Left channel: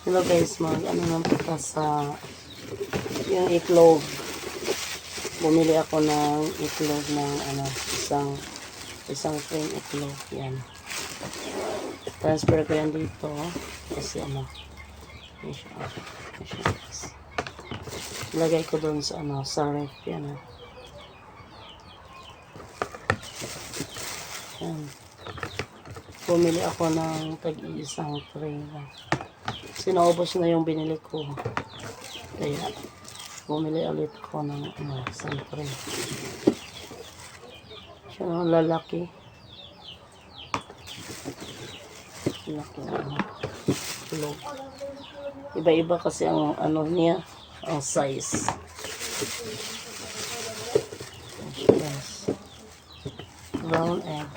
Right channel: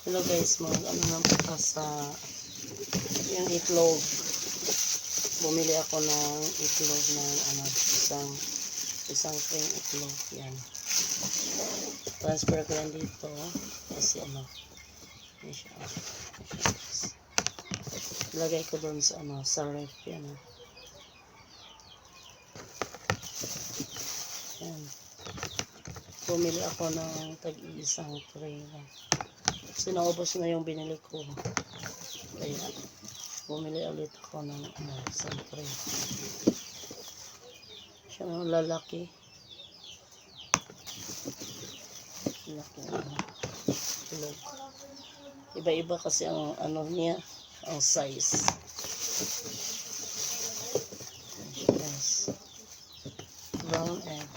Hello guys, ano lang po sa yung itlog. Bumili ako ng itlog ng isang frame itlog. Yan. Transfer ko yan dito kasi lagay ko doon sa sa ref yan. Yan. Bumili ako ng tag-iisang frame. Kasi naubos na yung binili ko. Kaya bumili ulit ako ng isang frame. Siya lalaki. Laki na itlog. Iba-iba kasi ang niya, ang size. Yes. Brown egg.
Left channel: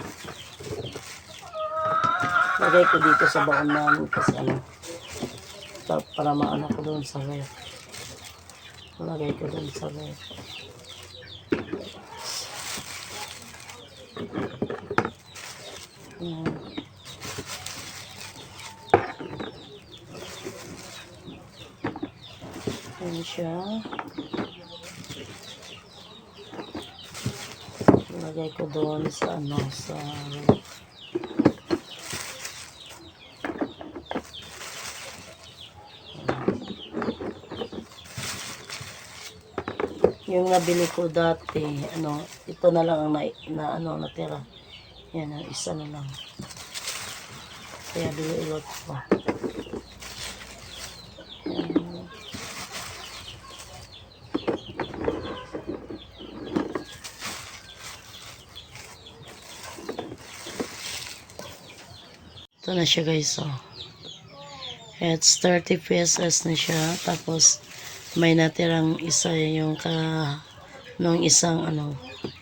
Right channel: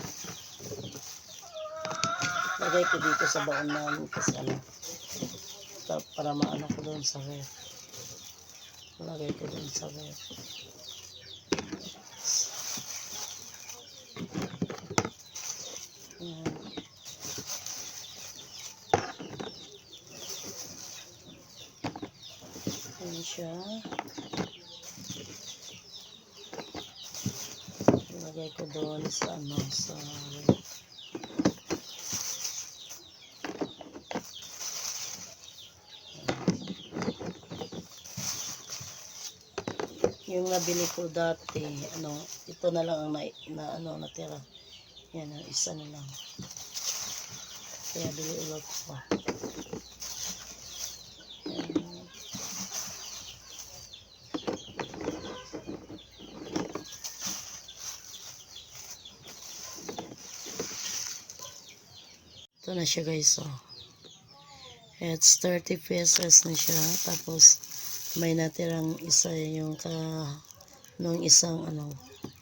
Lagay ko dito sa baon namin kasi para maano ko doon sa ref. Lagay ko doon sa ref. Yan siya. Lagay ko doon sa sa yung nabili ko dati, ito na lang ang natira. Yan, ang isa na lang. Kaya ilot ko. Ito na siya guys, It's 30 pesos na siya. Tapos, may natirang isa yung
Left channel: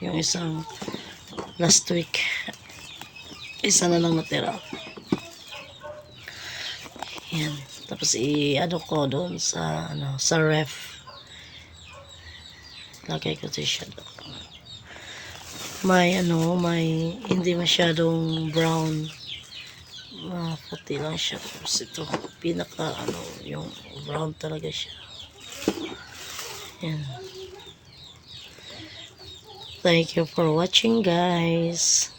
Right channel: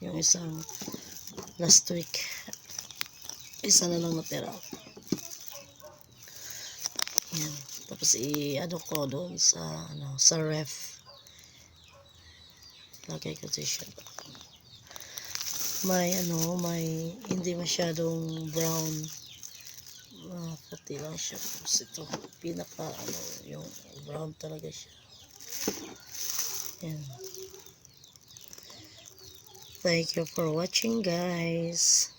yung isang last week. Isa na lang natira. Yan. Tapos, ko doon sa, sa ref. Lagay ko siya doon. May, hindi masyadong brown. Puti lang siya. Tapos ito, pinaka, yung brown talaga siya. Yan. Thank you for watching, guys.